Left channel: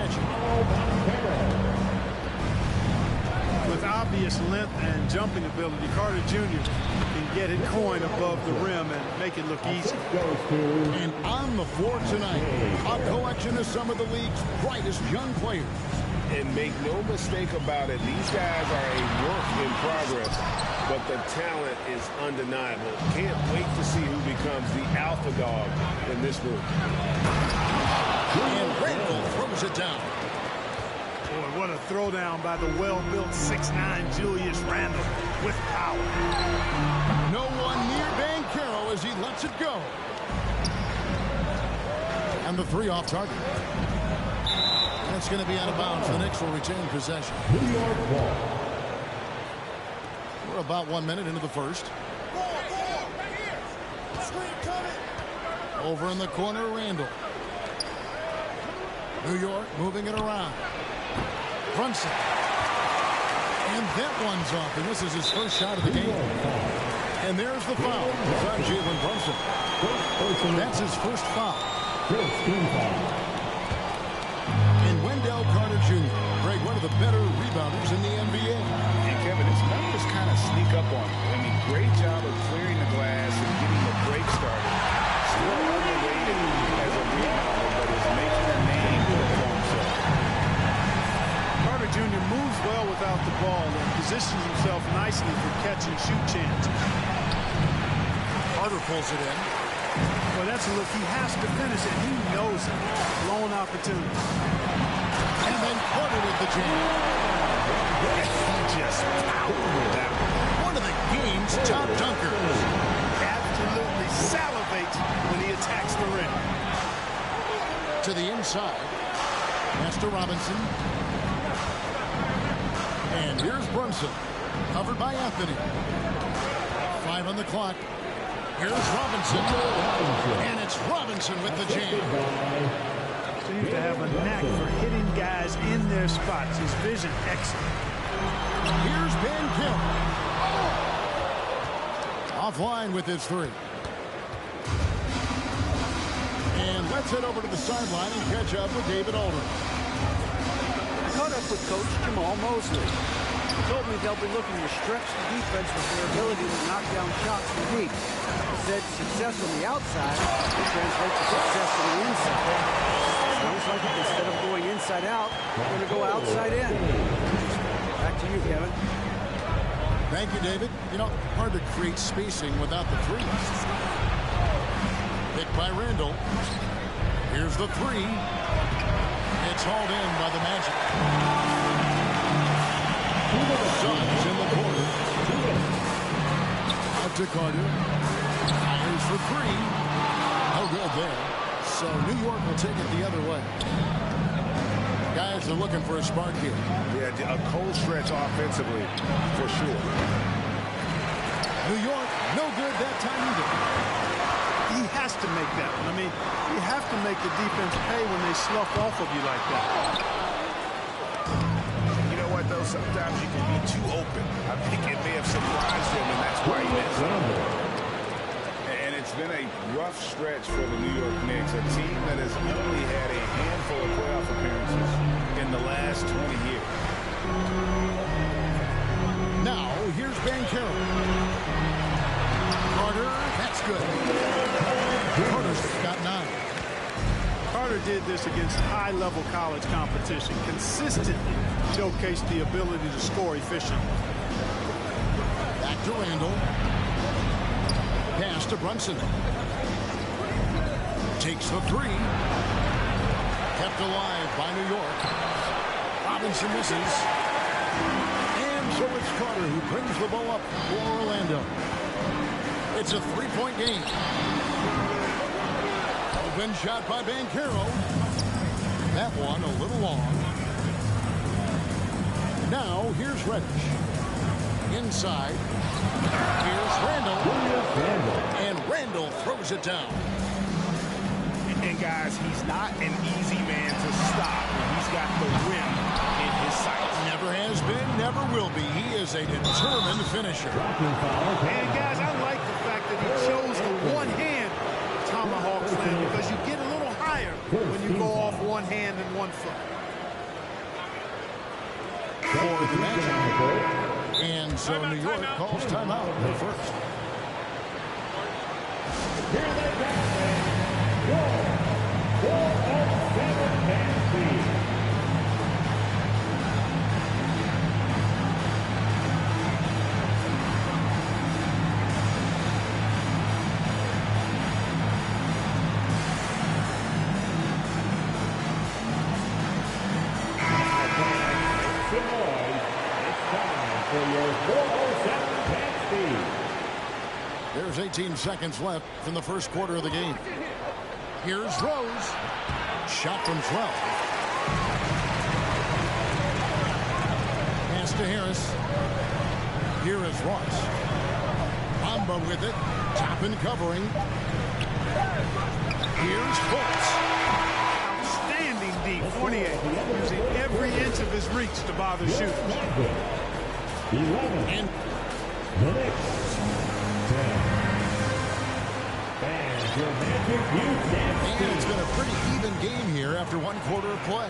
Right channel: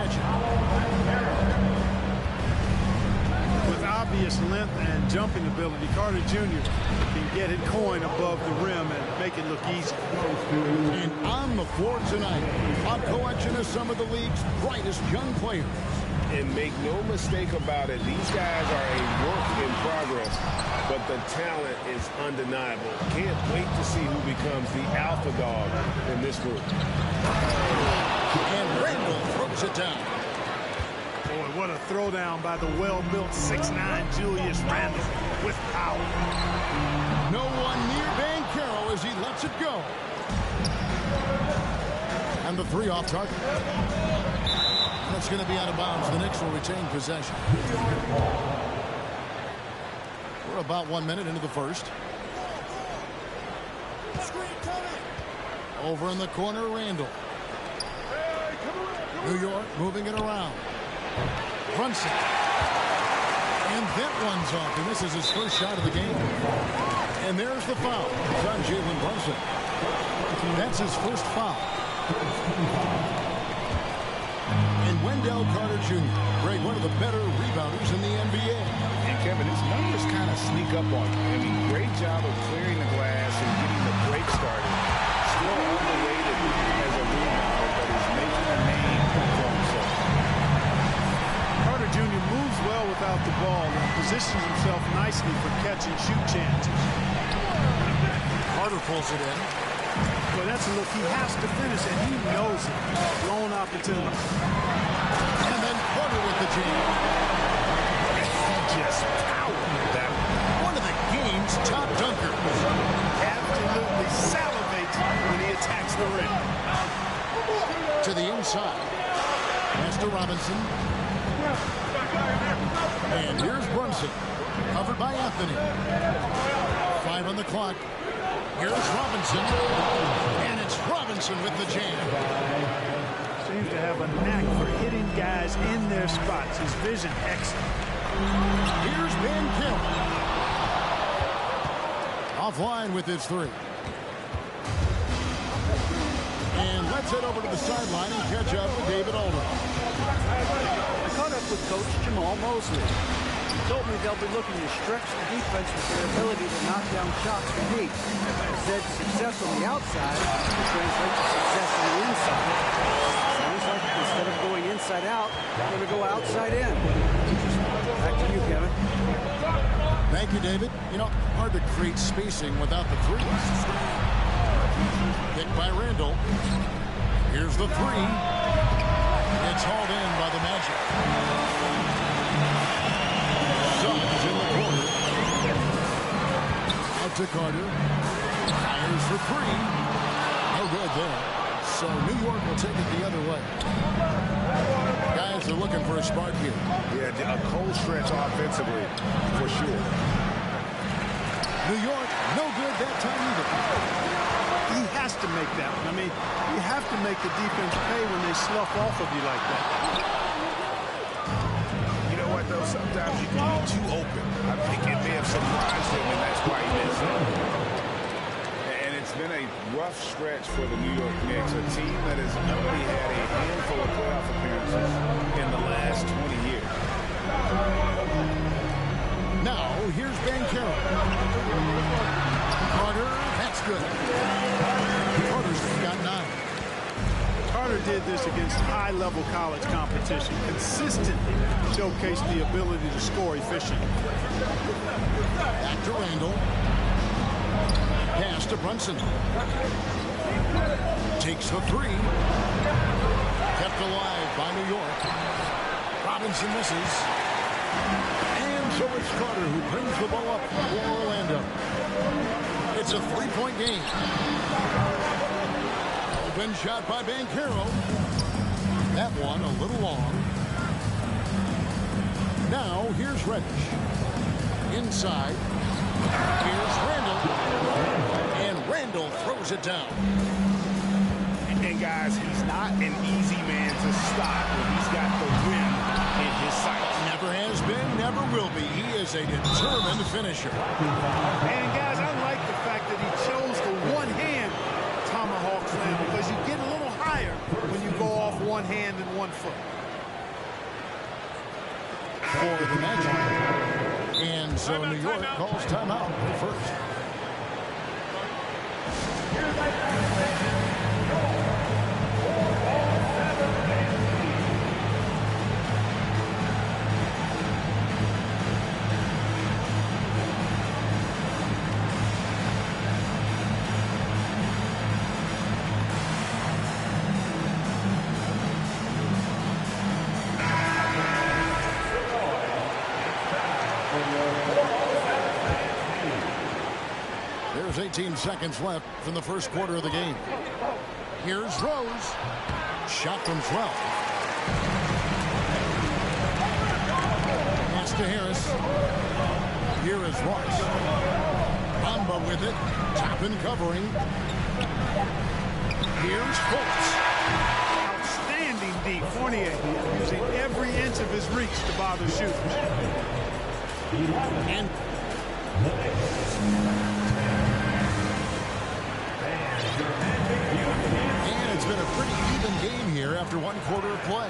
Magic. With obvious length and jumping ability, Carter Jr. can get it going above the rim and make it look easy. And on the floor tonight, a collection of some of the league's brightest young players. And make no mistake about it, these guys are a work in progress, but the talent is undeniable. Can't wait to see who becomes the alpha dog in this group. And Randall throws it down. Boy, what a throwdown by the well-built 6'9" Julius Randle with power. No one near Che0 as he lets it go. And the three off target. That's going to be out of bounds. The Knicks will retain possession. We're about 1 minute into the first. Over in the corner, Randall. New York moving it around. Brunson. And that one's off, and this is his first shot of the game. And there's the foul. It's on Jalen Brunson. That's his first foul. And Wendell Carter Jr., Greg, one of the better rebounders in the NBA. And Kevin, his numbers kind of sneak up on you. I mean, great job of clearing the glass and getting the break started. Still underrated as a rebounder, but is making a name for himself. Carter Jr. moves well without the ball and positions himself nicely for catch-and-shoot chances. Carter pulls it in. Well, that's a look he has to finish, and he knows it. Blown opportunity. And then Carter with the jam. He just powered that one of the game's top dunkers. Absolutely salivates when he attacks the rim. To the inside. Pass to Robinson. And here's Brunson. Covered by Anthony. 5 on the clock. Here's Robinson. And it's Robinson with the jam. Seems to have a knack for hitting guys in their spots. His vision excellent. Here's Che0. Offline with his three. And let's head over to the sideline and catch up with David Aldridge. I caught up with Coach Jamal Mosley. He told me they'll be looking to stretch the defense with their ability to knock down shots from deep. He said success on the outside will translate to success on the inside. Sounds like instead of going inside out, they're going to go outside in. Back to you, Kevin. Thank you, David. You know, hard to create spacing without the threes. Picked by Randall. Here's the three. It's hauled in by the Magic. Suggs in the corner. Out to Carter. Fires for three. No good there. So New York will take it the other way. Guys are looking for a spark here. Yeah, a cold stretch offensively, for sure. New York, no good that time either. He has to make that one. I mean, you have to make the defense pay when they slough off of you like that. You know what, though? Sometimes you can be too open. I think it may have surprised him, and that's why he missed. And it's been a rough stretch for the New York Knicks, a team that has only had a handful of playoff appearances in the last 20 years. Now, here's Che0. Carter, that's good. Carter's got 9. Carter did this against high-level college competition, consistently showcased the ability to score efficiently. Back to Randall. Pass to Brunson. Takes the three. Kept alive by New York. Robinson misses. And so it's Carter who brings the ball up for Orlando. It's a 3-point game. Open shot by Che0. That one a little long. Now here's Reddish. Inside. Here's Randall. And Randall throws it down. And guys, he's not an easy man to stop when he's got the rim in his sights. Never has been, never will be. He is a determined finisher. And guys, I like the fact that he chose the one-hand tomahawk slam because you get a little higher when you go off one hand and one foot. for the Magic. And so New York calls timeout at first. There's 18 seconds left in the first quarter of the game. Here's Rose. Shot from 12. Pass to Harris. Here is Ross. Bamba with it. Top and covering. Here's Fultz. Outstanding D. Fournier using every inch of his reach to bother shooters. And it's been a pretty even game here after one quarter of play.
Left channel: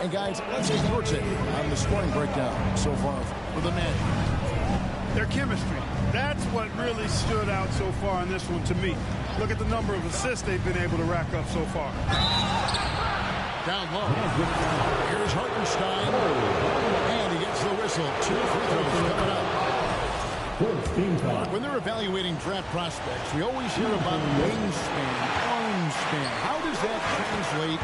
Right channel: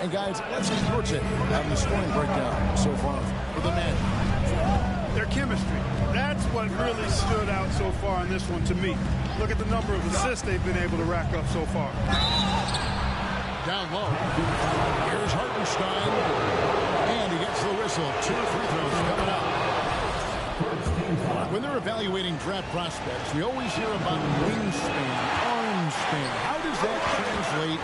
And guys, let's get your take on the scoring breakdown so far for the Magic. Their chemistry. That's what really stood out so far in this one to me. Look at the number of assists they've been able to rack up so far. Down low. Here's Hartenstein. And he gets the whistle. 2 free throws coming up. When they're evaluating draft prospects, we always hear about wingspan, arm span. How does that translate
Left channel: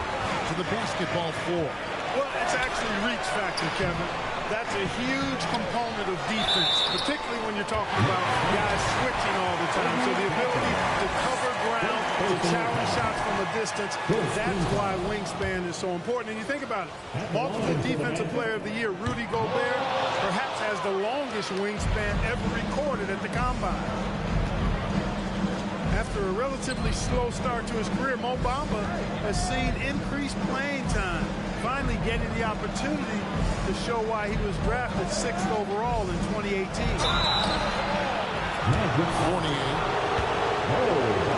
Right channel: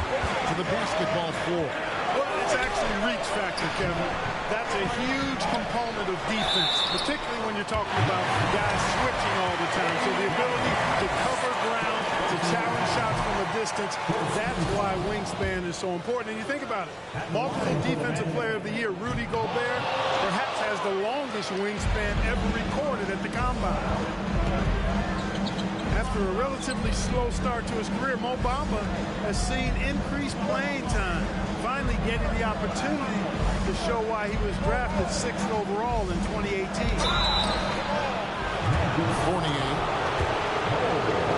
to the basketball floor? Well, it's actually reach factor, Kevin. That's a huge component of defense, particularly when you're talking about guys switching all the time. So the ability to cover ground, to challenge shots from a distance, that's why wingspan is so important. And you think about it, multiple Defensive Player of the Year, Rudy Gobert, perhaps has the longest wingspan ever recorded at the Combine. After a relatively slow start to his career, Mo Bamba has seen increased playing time, finally getting the opportunity to show why he was drafted 6th overall in 2018. Fournier.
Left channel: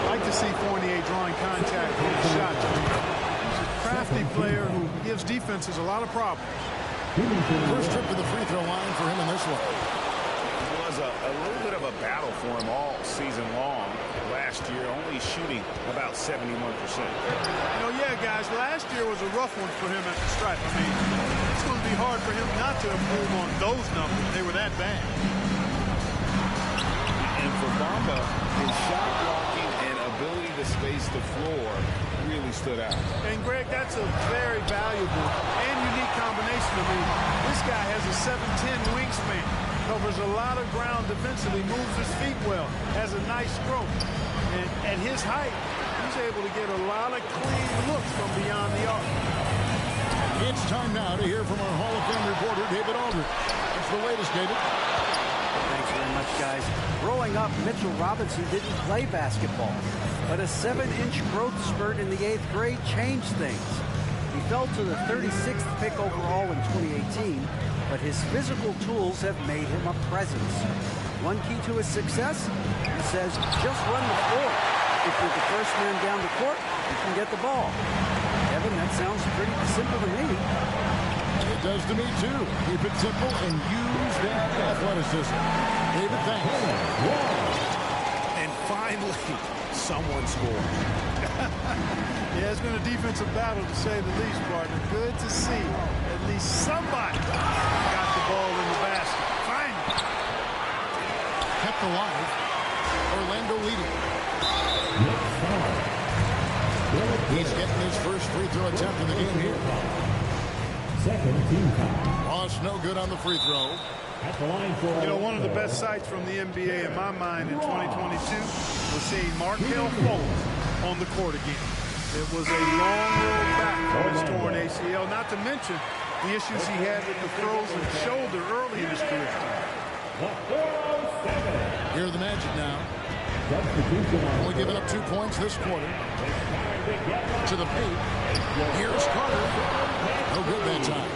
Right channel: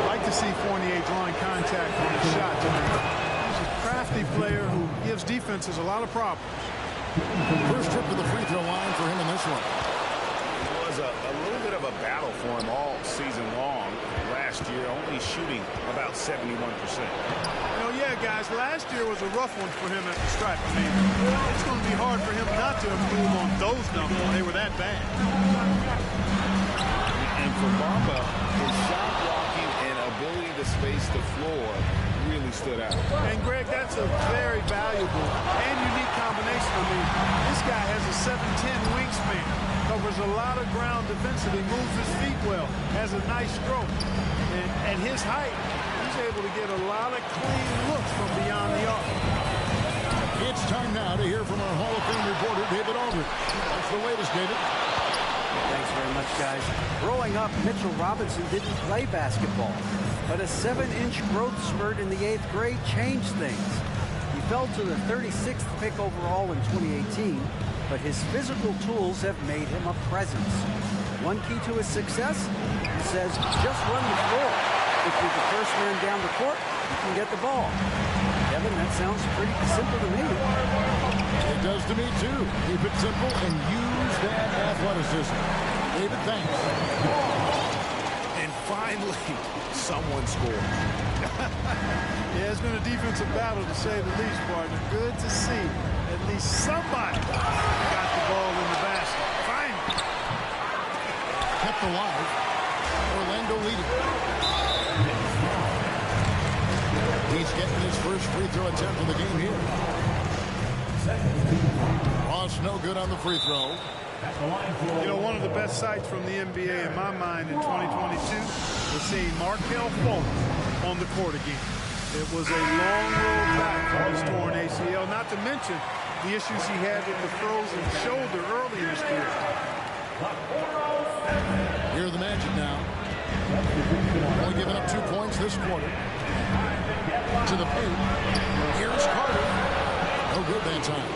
I'd like to see Fournier drawing contact on his shots. I mean, he's a crafty player who gives defenses a lot of problems. First trip to the free throw line for him in this one. It was a little bit of a battle for him all season long. Last year, only shooting about 71%. Yeah, guys, last year was a rough one for him at the stripe. I mean, it's going to be hard for him not to improve on those numbers. They were that bad. And for Bamba, his shot blocking and ability to space the floor really stood out. And, Greg, that's a very valuable and unique combination. I mean, this guy has a 7'10" wingspan. Covers a lot of ground defensively, moves his feet well, has a nice stroke. And at his height, he's able to get a lot of clean looks from beyond the arc. It's time now to hear from our Hall of Fame reporter, David Aldridge. What's the latest, David? Thanks very much, guys. Growing up, Mitchell Robinson didn't play basketball, but a 7-inch growth spurt in the 8th grade changed things. He fell to the 36th pick overall in 2018, but his physical tools have made him a presence. One key to his success, he says, just run the floor. If you're the first man down the court, you can get the ball. Kevin, that sounds pretty simple to me. It does to me, too. Keep it simple and use that athleticism. David, thanks. And finally, someone scored. Yeah, it's been a defensive battle, to say the least, partner. Good to see at least somebody got the ball in the basket. Finally. Kept alive. Orlando leading. He's getting his first free throw attempt of the game here. Ross no good on the free throw. One of the best sights from the NBA in my mind in 2022 was seeing Markelle Fultz on the court again. It was a long road back from his torn ACL, not to mention the issues he had with the frozen shoulder early in his career. Here are the Magic now. Only giving up 2 points this quarter. To the paint. Here's Carter. No good that time.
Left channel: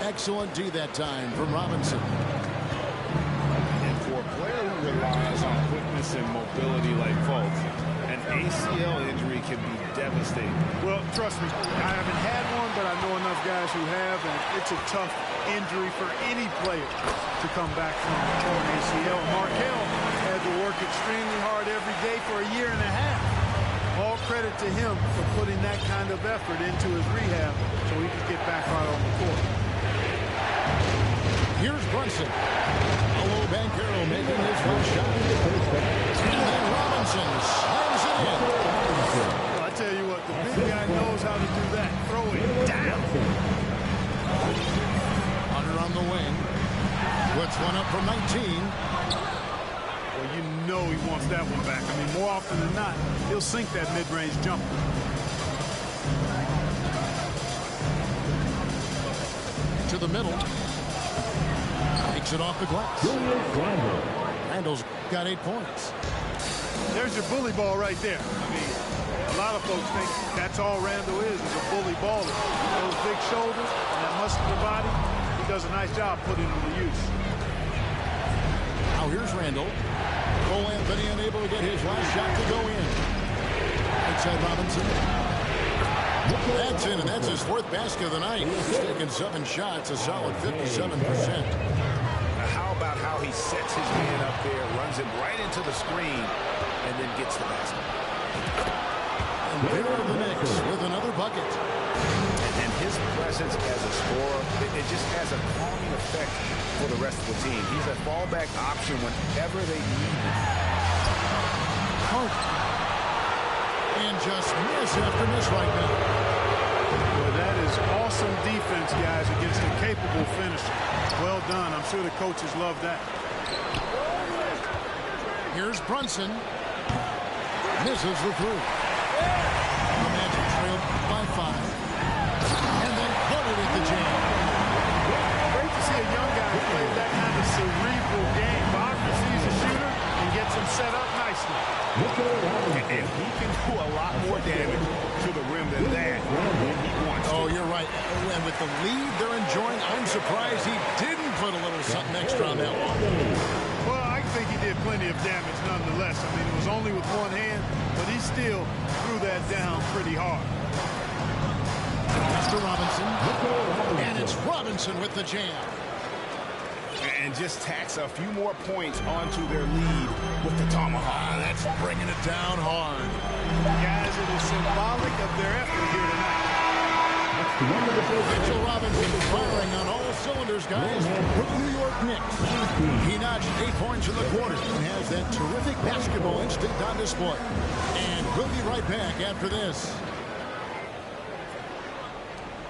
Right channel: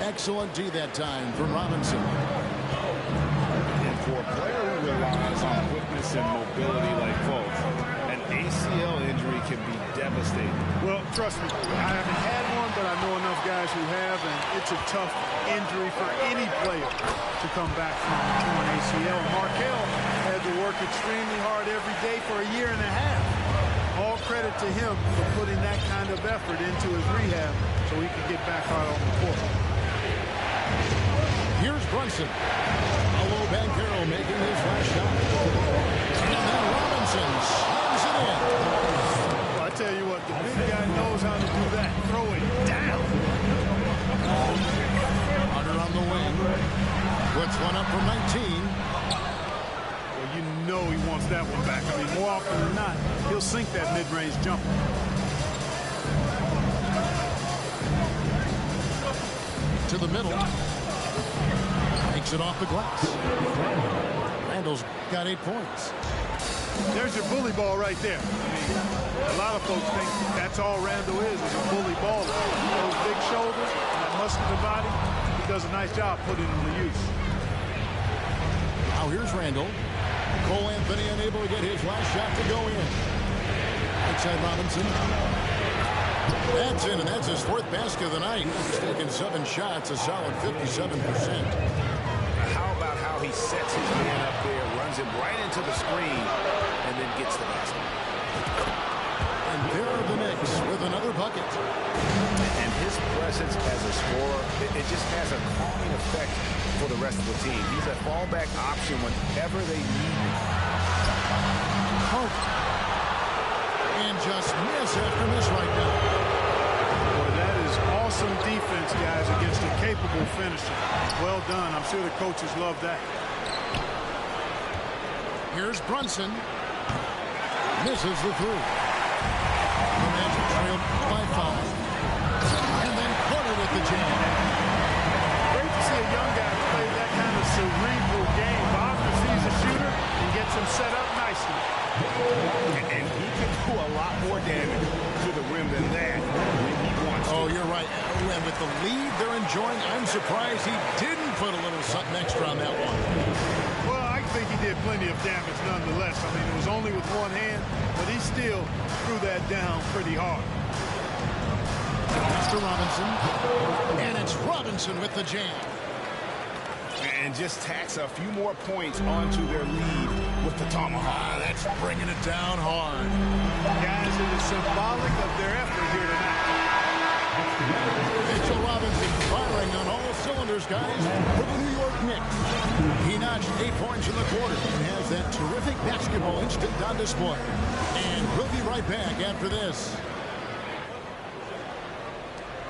Excellent D that time from Robinson. And for a player who relies on quickness and mobility like Fultz, an ACL injury can be devastating. Well, trust me, I haven't had one, but I know enough guys who have, and it's a tough injury for any player to come back from a torn ACL. Markel had to work extremely hard every day for a year and a half. All credit to him for putting that kind of effort into his rehab so he could get back out on the court. Here's Brunson. Paolo Banchero making his last shot. And then Robinson slams it in. Well, I tell you what, the big guy knows how to do that. Throw it down. Hunter on the wing. Puts one up from 19. Well, you know he wants that one back. I mean, more often than not, he'll sink that mid-range jumper. To the middle. Takes it off the glass. Randall's got 8 points. There's your bully ball right there. I mean, a lot of folks think that's all Randall is a bully baller. Those big shoulders and that muscular body, he does a nice job putting them to use. Now here's Randall. Cole Anthony unable to get his last shot to go in. Outside Robinson. That's in, and that's his 4th basket of the night. He's taken 7 shots, a solid 57%. How about how he sets his man up there, runs him right into the screen, and then gets the basket. And there are the Knicks with another bucket. And his presence as a scorer, it just has a calming effect for the rest of the team. He's a fallback option whenever they need him. Carter. And just miss after miss right now. Boy, that is awesome defense, guys, against a capable finisher. Well done. I'm sure the coaches love that. Here's Brunson. Misses the 3. The Magic trailed by 5. And then Carter with the jam. Great to see a young guy play that kind of cerebral game. Wagner sees a shooter and gets him set up nicely. And he can do a lot more damage to the rim than that when he wants to. Oh, you're right. And with the lead they're enjoying, I'm surprised he didn't put a little something extra on that one. Well, I think he did plenty of damage nonetheless. I mean, it was only with one hand, but he still threw that down pretty hard. Mr. Robinson. And it's Robinson with the jam. And just tacks a few more points onto their lead with the tomahawk. That's bringing it down hard. Guys, it is symbolic of their effort here tonight. Mitchell Robinson firing on all cylinders, guys, for the New York Knicks. He notched 8 points in the quarter and has that terrific basketball instinct on display. And we'll be right back after this.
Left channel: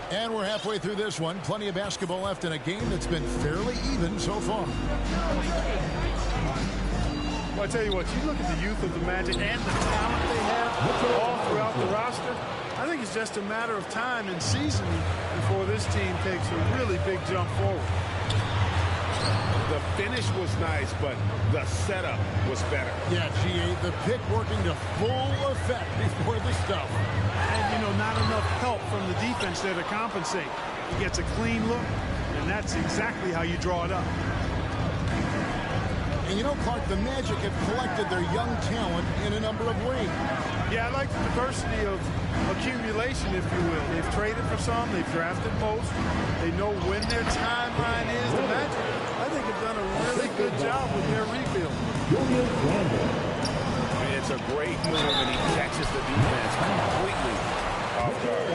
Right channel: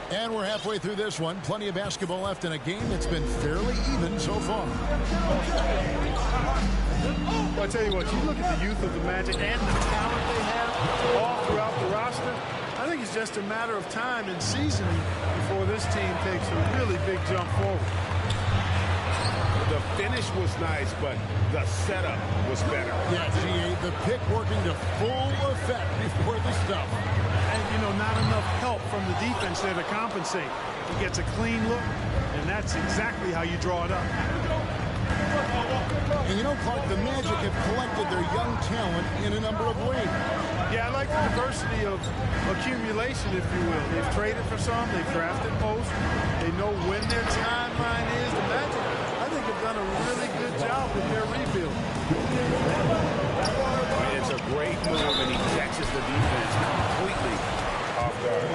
And we're halfway through this one. Plenty of basketball left in a game that's been fairly even so far. Well, I tell you what, you look at the youth of the Magic and the talent they have all throughout the roster. I think it's just a matter of time and seasoning before this team takes a really big jump forward. The finish was nice, but the setup was better. Yeah, GA, the pick working to full effect before the stuff. And, you know, not enough help from the defense there to compensate. He gets a clean look, and that's exactly how you draw it up. And you know, Clark, the Magic have collected their young talent in a number of ways. Yeah, I like the diversity of accumulation, if you will. They've traded for some. They've drafted most. They know when their timeline is. The Magic, I think, have done a really good job with their rebuild. It's a great move, and he catches the defense completely off guard.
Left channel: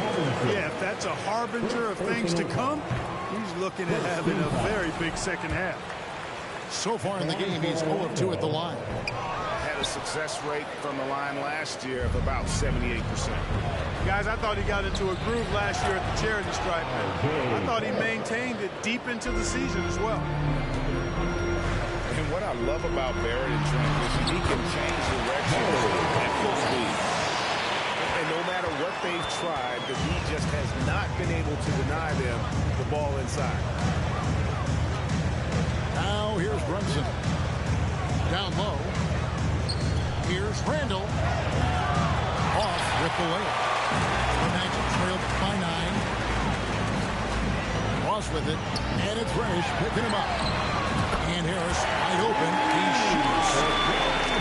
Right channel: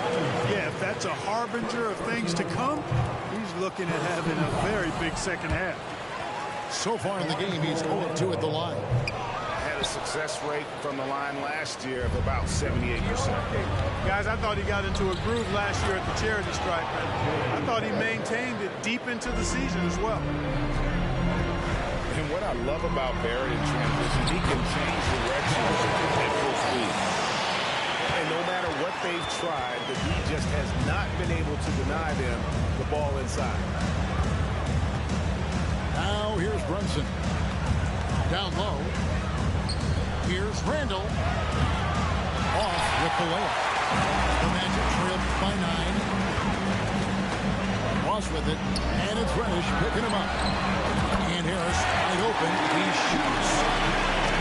Yeah, if that's a harbinger of things to come, he's looking at having a very big second half. So far in the game, he's 0 of 2 at the line. Had a success rate from the line last year of about 78%. Guys, I thought he got into a groove last year at the charity stripe, and I thought he maintained it deep into the season as well. And what I love about Barrett in transition, he can change directions at full speed. And no matter what they've tried, the D just has not been able to deny them the ball inside. Now here's Brunson. Down low. Here's Randall. Off with the layup. The Magic trailed by 9. Ross with it. And it's Reddish picking him up. And Harris wide open. He shoots.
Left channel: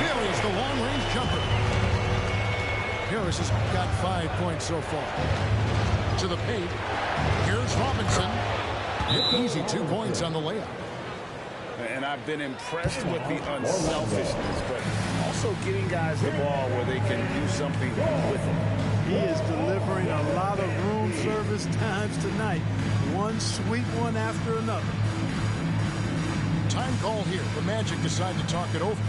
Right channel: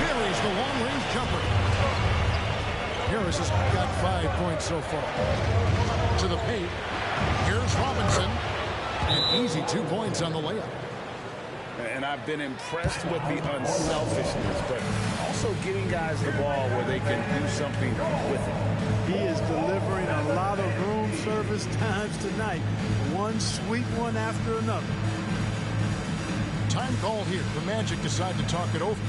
Buries the long-range jumper. Harris has got 5 points so far. To the paint. Here's Robinson. And easy 2 points on the layup. And I've been impressed with the unselfishness, but also getting guys the ball where they can do something with it. He is delivering a lot of room service times tonight. One sweet one after another. Time call here. The Magic decide to talk it over.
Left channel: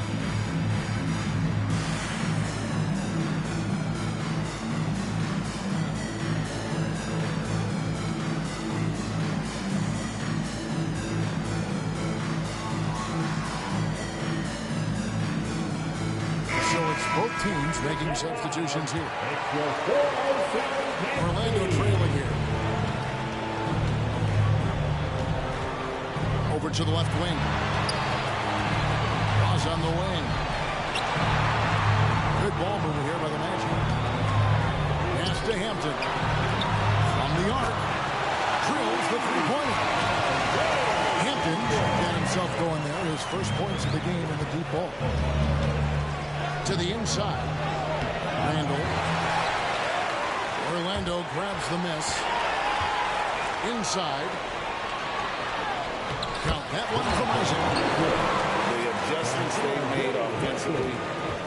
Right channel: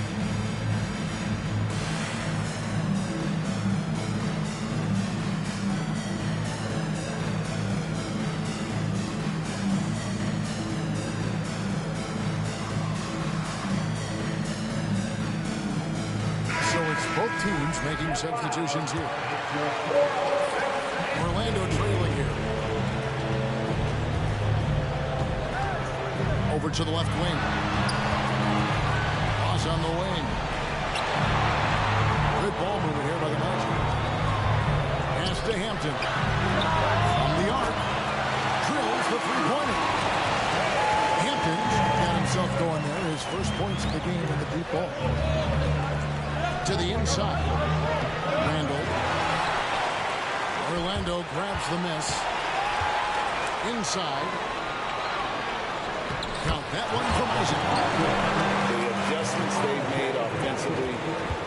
So it's both teams making substitutions here. Orlando trailing here. Over to the left wing. Ross on the wing. Good ball movement here by the Magic. Pass to Hampton. From the arc. Drills the three-pointer. Hampton's got himself going there. His first points of the game in the deep ball. To the inside. Randall. Orlando grabs the miss. Inside. Count that one from Isaac. The adjustments they've made offensively,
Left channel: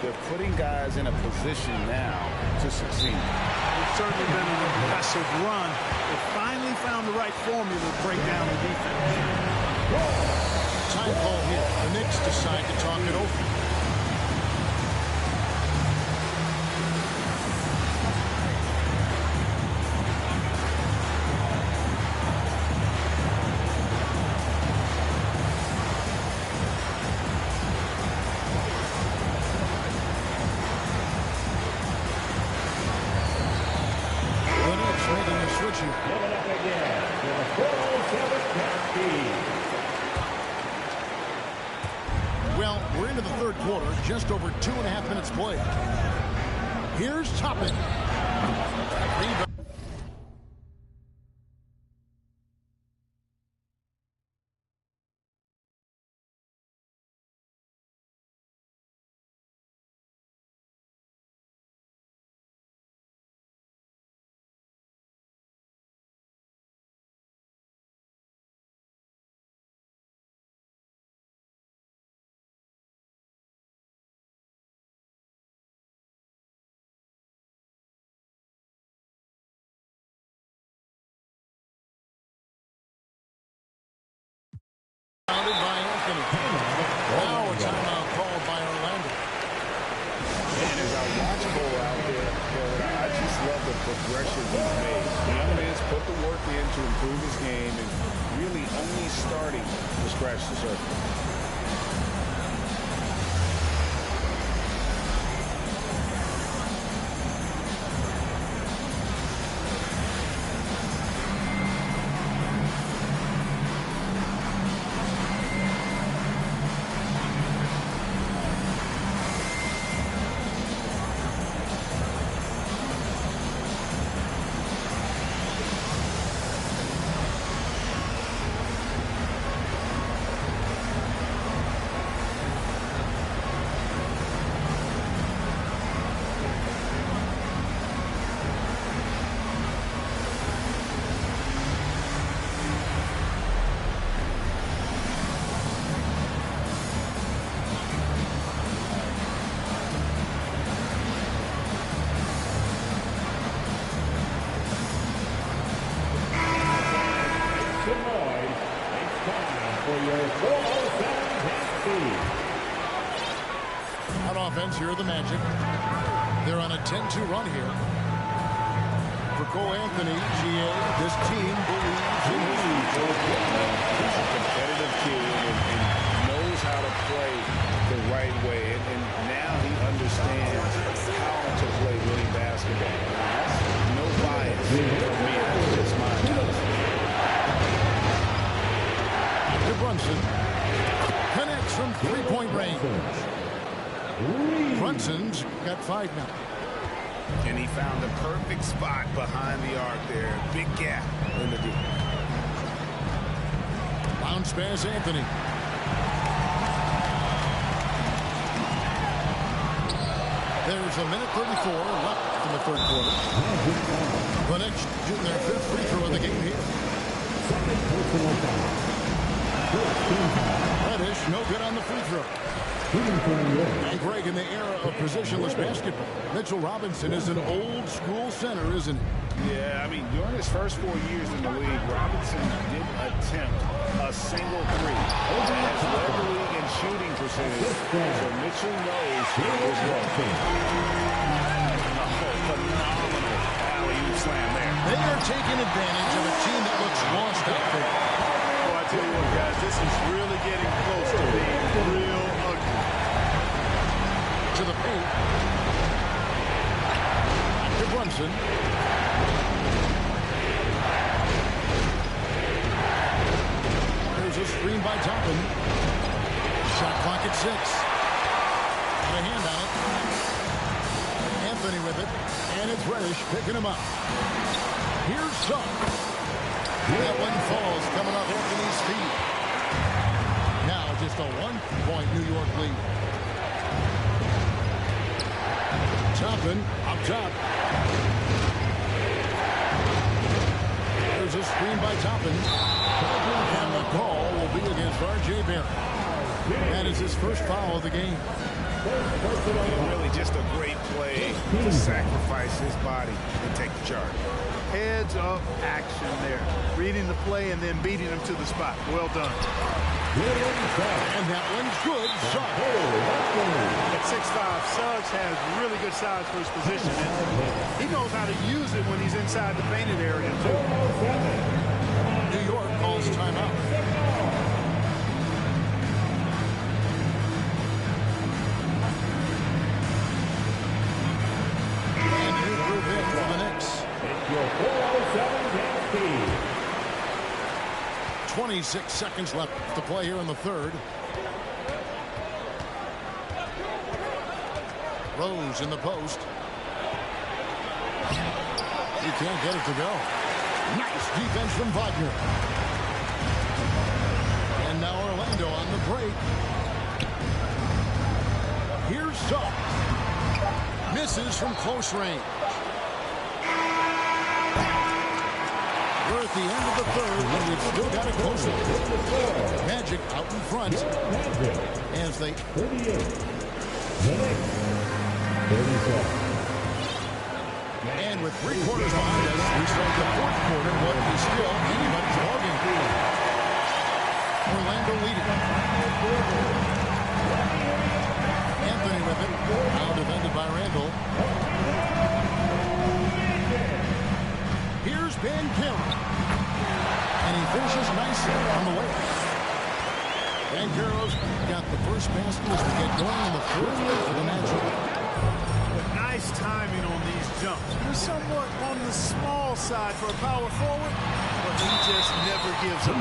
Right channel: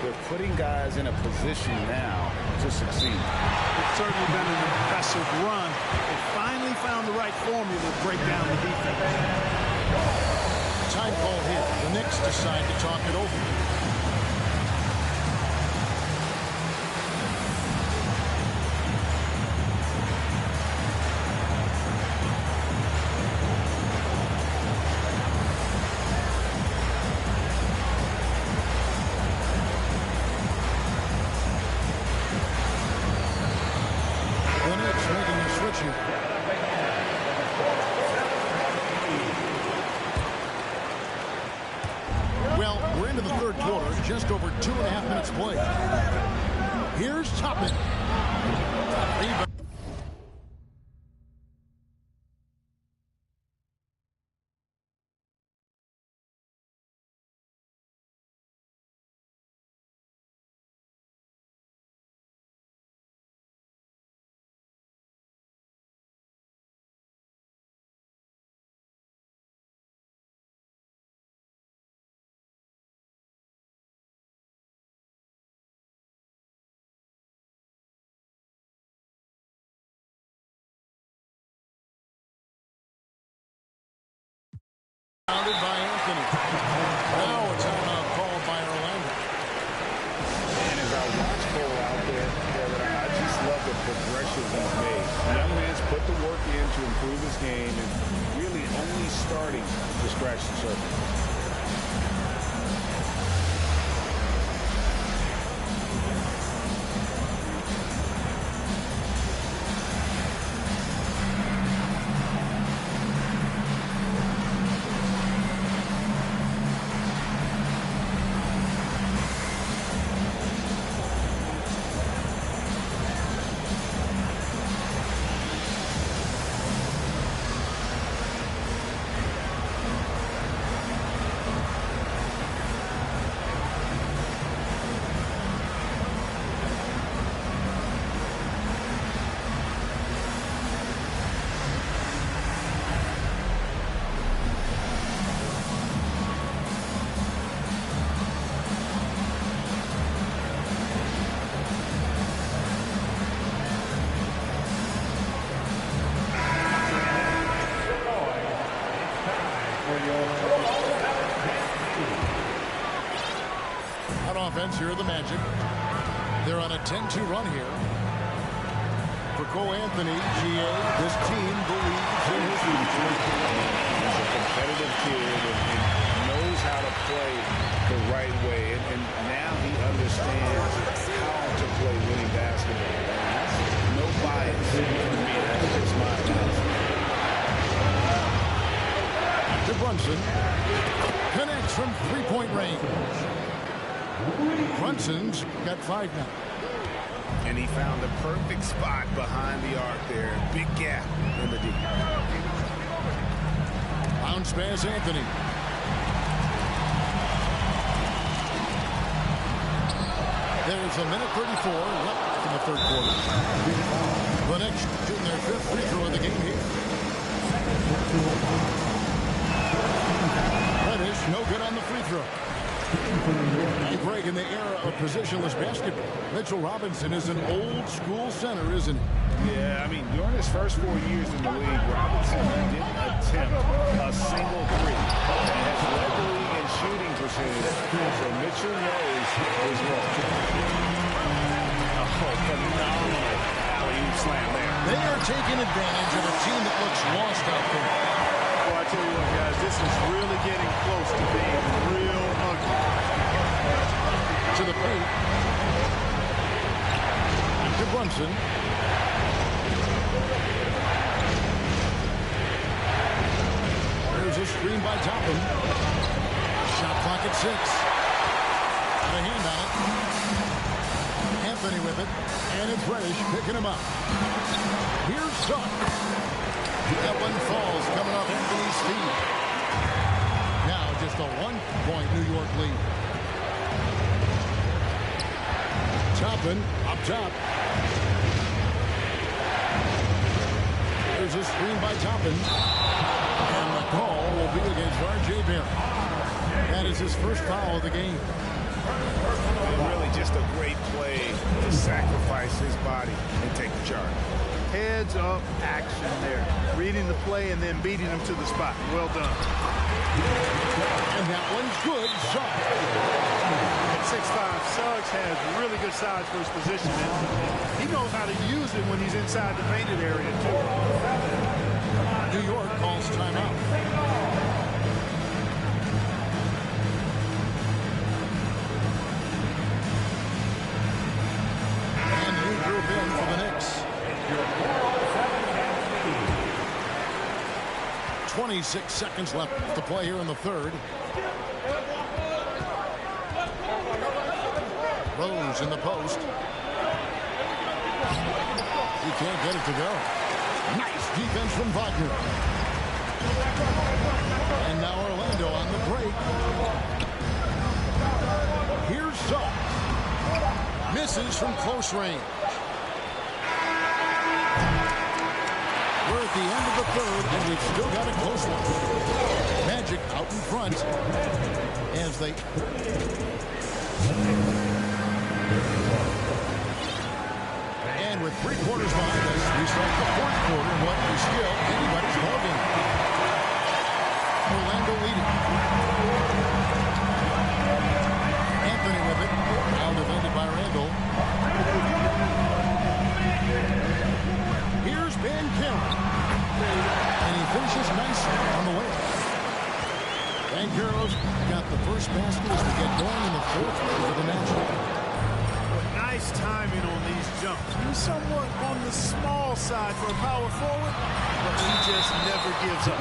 they're putting guys in a position now to succeed. It's certainly been an impressive run. They finally found the right formula to break down the defense. Time call here. The Knicks decide to talk it over. Making a switch here. Well, we're into the third quarter, just over 2.5 minutes played. Here's Toppin. Rebound. Founded by Anthony. Now a timeout called by Orlando. And as I watch Cole out there, Kevin, I just love the progression he's made. The young man's put the work in to improve his game and really only starting to scratch the surface. On offense, here are the Magic. They're on a 10-2 run here. For Cole Anthony, GA, this team believes in his future. He's a competitive kid and knows how to play the right way. And now he understands how to play winning basketball. And that's no bias from me. That's just my analysis. To Brunson. Connects from three-point range. Brunson's got 5 now. And he found the perfect spot behind the arc there. Big gap in the D. Bounce pass, Anthony. There's a minute 34 left left in the third quarter. The Knicks shooting their 5th free throw of the game here. Reddish, no good on the free throw. And Greg, in the era of positionless basketball, Mitchell Robinson is an old school center, isn't he? Yeah, I mean, during his first 4 years in the league, Robinson didn't attempt a single three and has led the league in shooting percentage. So Mitchell knows his role. Oh, phenomenal alley-oop slam there. They are taking advantage of a team that looks lost out there. Well, I tell you what, guys, this is really getting close to being real ugly. To the paint. To Brunson. There's a screen by Toppin. Shot clock at 6. Got a hand on it. Anthony with it. And it's Reddish picking him up. Here's Suggs. That one falls coming off Anthony's feet. Now just a 1-point New York lead. Toppin up top. There's a screen by Toppin. And the call will be against R.J. Barrett. That is his first foul of the game. And really just a great play to sacrifice his body and take the charge. Heads up action there. Reading the play and then beating him to the spot. Well done. And that one's good. Suggs. At 6'5", Suggs has really good size for his position, and he knows how to use it when he's inside the painted area, too. New York calls timeout. And new group in for the Knicks. 26 seconds left to play here in the third. Rose in the post. He can't get it to go. Nice defense from Wagner. And now Orlando on the break. Here's Suggs. Misses from close range. We're at the end of the third, and we've still got a close one. Magic out in front as they... And with 3 quarters behind us, we start the fourth quarter, what is still anybody's ballgame. Orlando leading. Anthony with it. Now defended by Randall. Here's Banchero. And he finishes nicely on the way. Banchero's got the first basket as we get going in the fourth for the Magic. But nice timing on these jumps. He's somewhat on the small side for a power forward, but he just never gives up.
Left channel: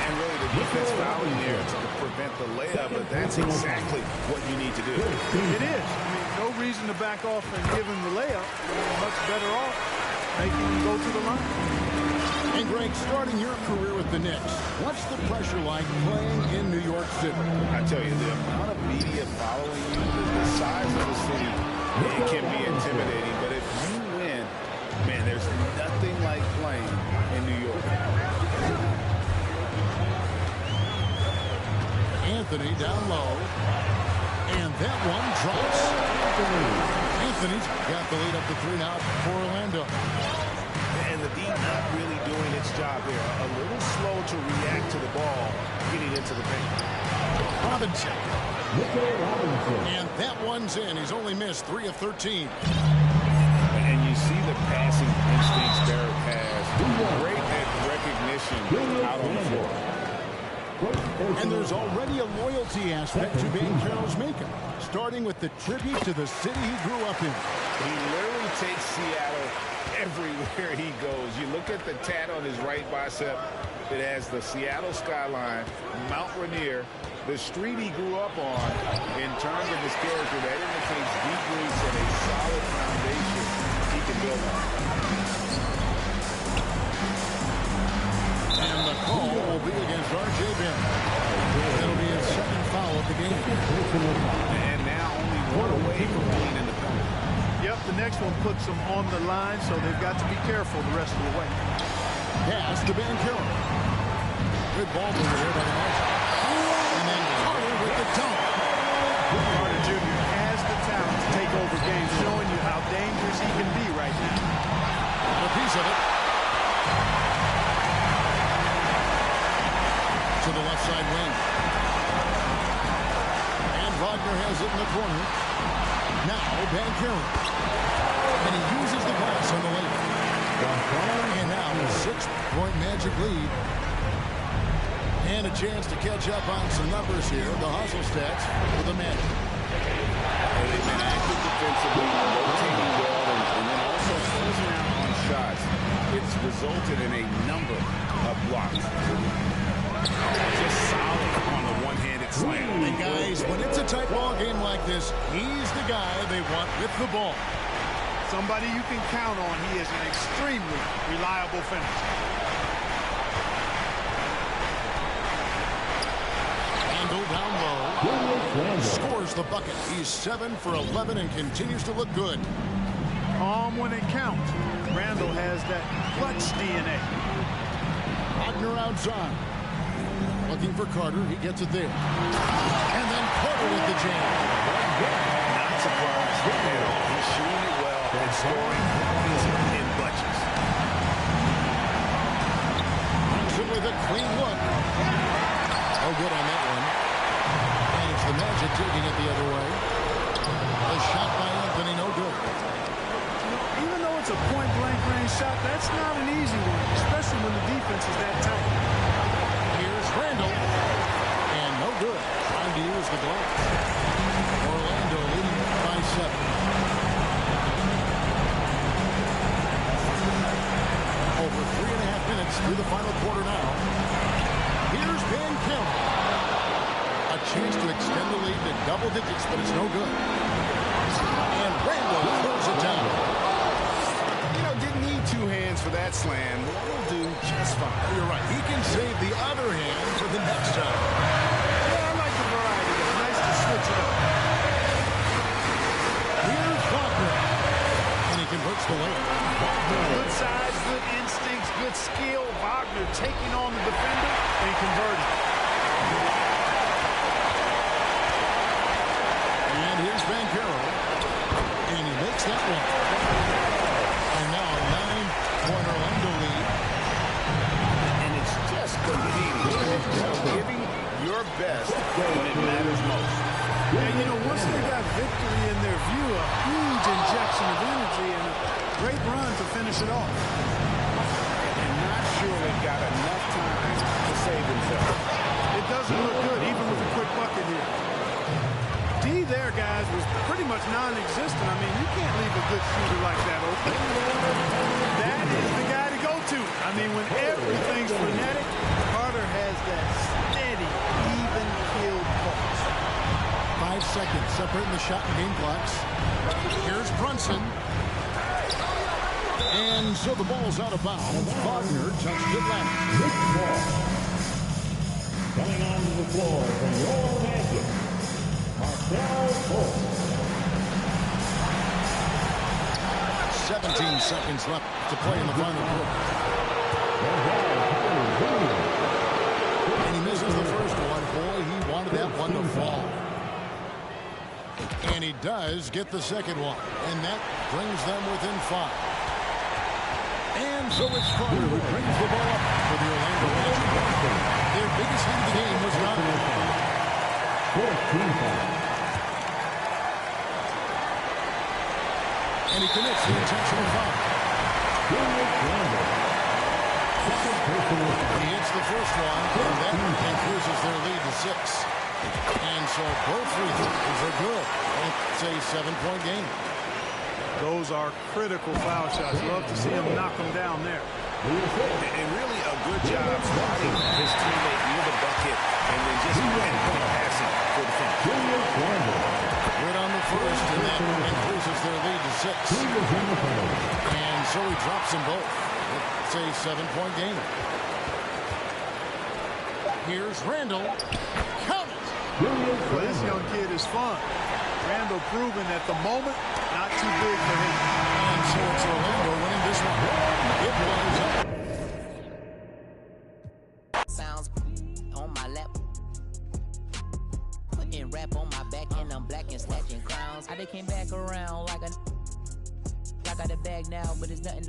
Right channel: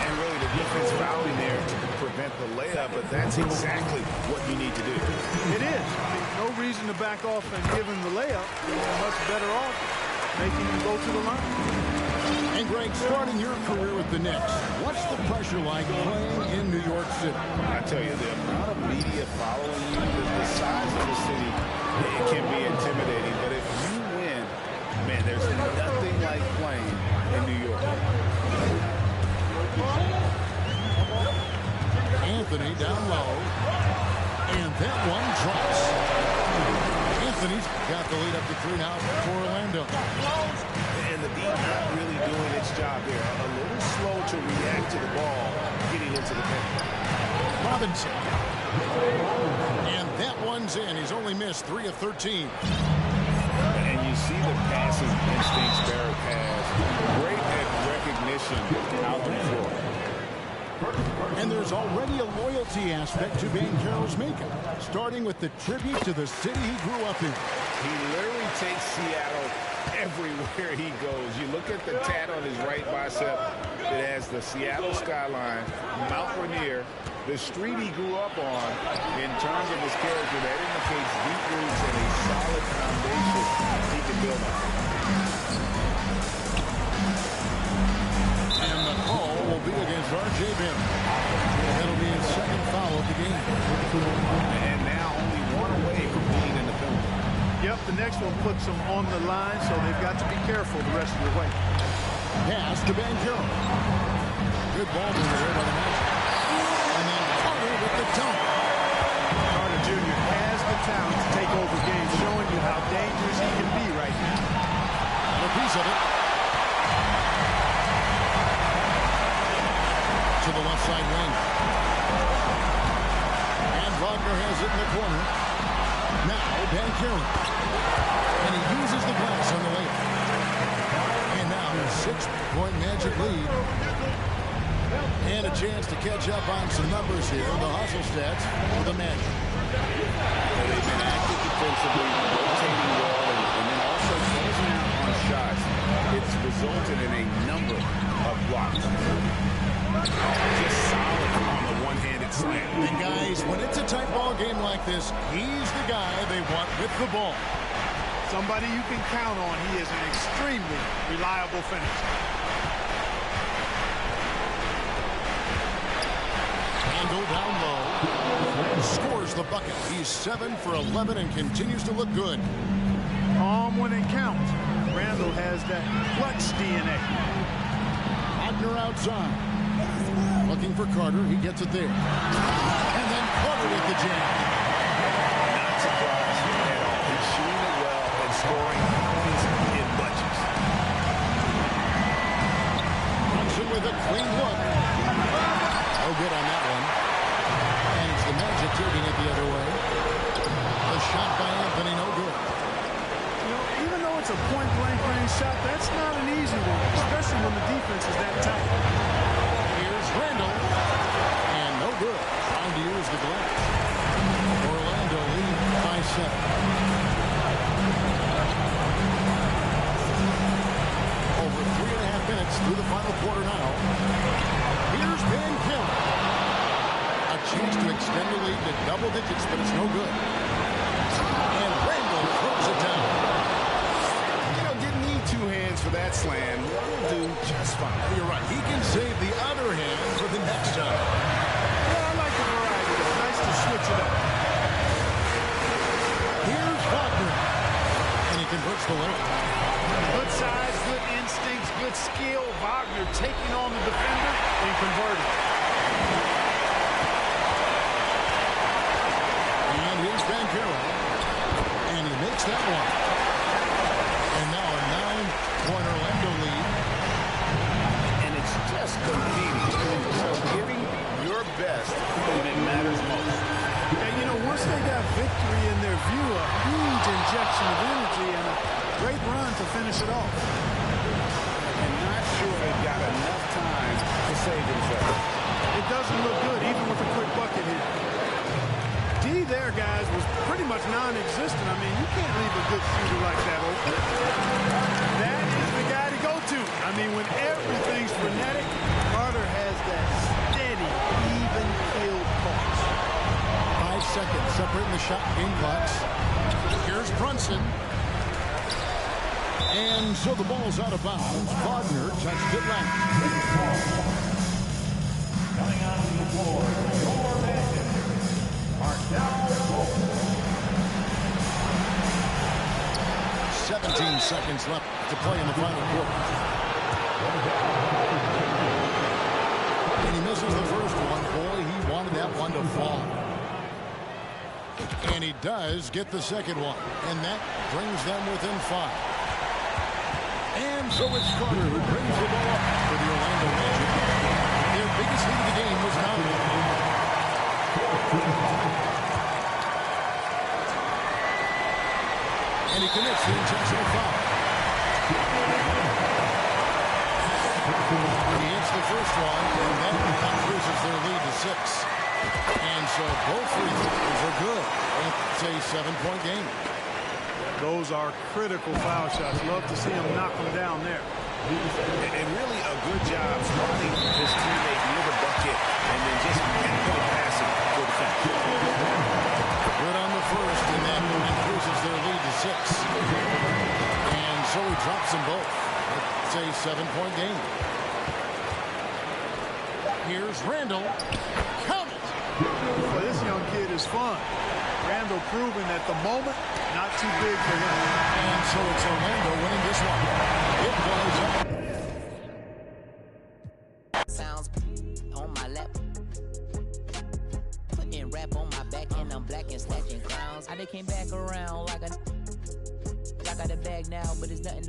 And really the defense fouling there to prevent the layup, but that's exactly what you need to do. It is. I mean, no reason to back off and give him the layup. You're much better off making him go to the line. And Greg, starting your career with the Knicks, what's the pressure like playing in New York City? I tell you, the amount of media following you, the size of the city, it can be intimidating. But if you win, man, there's nothing like playing in New York. Anthony down low. And that one drops. Anthony's got the lead up to 3 now for Orlando. And the D not really doing its job there. A little slow to react to the ball getting into the paint. Robinson. And that one's in. He's only missed 3 of 13. And you see the passing instincts Barrett has. Great at recognition out on the floor. And there's already a loyalty aspect to Banchero's makeup, starting with the tribute to the city he grew up in. He literally takes Seattle everywhere he goes. You look at the tat on his right bicep. It has the Seattle skyline, Mount Rainier, the street he grew up on. In terms of his character, that indicates deep roots and a solid foundation he can build on. And the call will be against R.J. Barrett. That'll be his second foul of the game. And now only one away from being in the penalty. Yep, the next one puts them on the line, so they've got to be careful the rest of the way. Pass to Che0. Good ball mover here by the Magic. And then Carter with the dunk. Carter Jr. has the talent to take over games, showing you how dangerous he can be right now. Got a piece of it. To the left side wing. And Wagner has it in the corner. Now Che0. And he uses the glass on the layup. And now a 6-point Magic lead. And a chance to catch up on some numbers here. The hustle stats for the Magic. Well, they've been active defensively, rotating well, and then also closing out on shots. It's resulted in a number of blocks. Just solid on the one-handed slam. And guys, when it's a tight ball game like this, he's the guy they want with the ball. Somebody you can count on. He is an extremely reliable finisher. Handle down low. Scores the bucket. He's 7 for 11 and continues to look good. Calm when it counts. Randall has that clutch DNA. Wagner outside. Looking for Carter. He gets it there. And then Carter with the jam. Not surprised at all. He's shooting it well and scoring points in bunches. Brunson with a clean look. No good on that one. And it's the Magic taking it the other way. A shot by Anthony, no good. You know, even though it's a point-blank range shot, that's not an easy one, especially when the defense is that tight. Here's Randall. And no good. Trying to use the glass. Orlando leading by 7. Over 3.5 minutes through the final quarter now. Here's Che0. A chance to extend the lead to double digits, but it's no good. And Randall throws it down. You know, didn't need 2 hands for that slam. One will do just fine. You're right. He can save the other hand for the next time. Yeah, I like the variety, though. Nice to switch it up. Here's Wagner. And he converts the layup. Good size, good instincts, good skill. Wagner taking on the defender and converting. And here's Che0. And he makes that one. And now a 9-point Orlando lead. And it's just competing. You know, giving your best when it matters most. And, you know, once they got victory in their view, a huge injection of energy and a great run to finish it off. And not sure they've got enough time to save themselves. It doesn't look good, even with a quick bucket here. D there, guys, was pretty much non-existent. I mean, you can't leave a good shooter like that open. That is the guy to go to. I mean, when everything's frenetic, Carter has that steady, even keel pulse. 5 seconds separating the shot and game clocks. Here's Brunson. And so the ball's out of bounds. Wagner touched it last. Coming on the floor for your Magic, Markel Fultz. 17 seconds left to play in the final quarter. And he misses the first one. Boy, he wanted that one to fall. And he does get the second one. And that brings them within 5. And so it's Carter who brings the ball up for the Orlando Magic. Their biggest lead of the game was 9. And he commits the intentional foul. He hits the first one, and that increases their lead to 6. And so both free throws are good. It's a 7-point game. Those are critical foul shots. Love to see him knock them down there. And really a good job spotting his teammate near the bucket and then just pinpoint passing for the finish. Good on the first, and that increases their lead to 6. And so he drops them both. It's a 7-point game. Here's Randall. Count it. Well, this young kid is fun. Randall proving that the moment not too big for him. And so it's Orlando winning this one. It was up. Sounds on my lap. Putting rap on my back and I'm black and snatching crowns. I they came back around like I got a bag now, but it's nothing to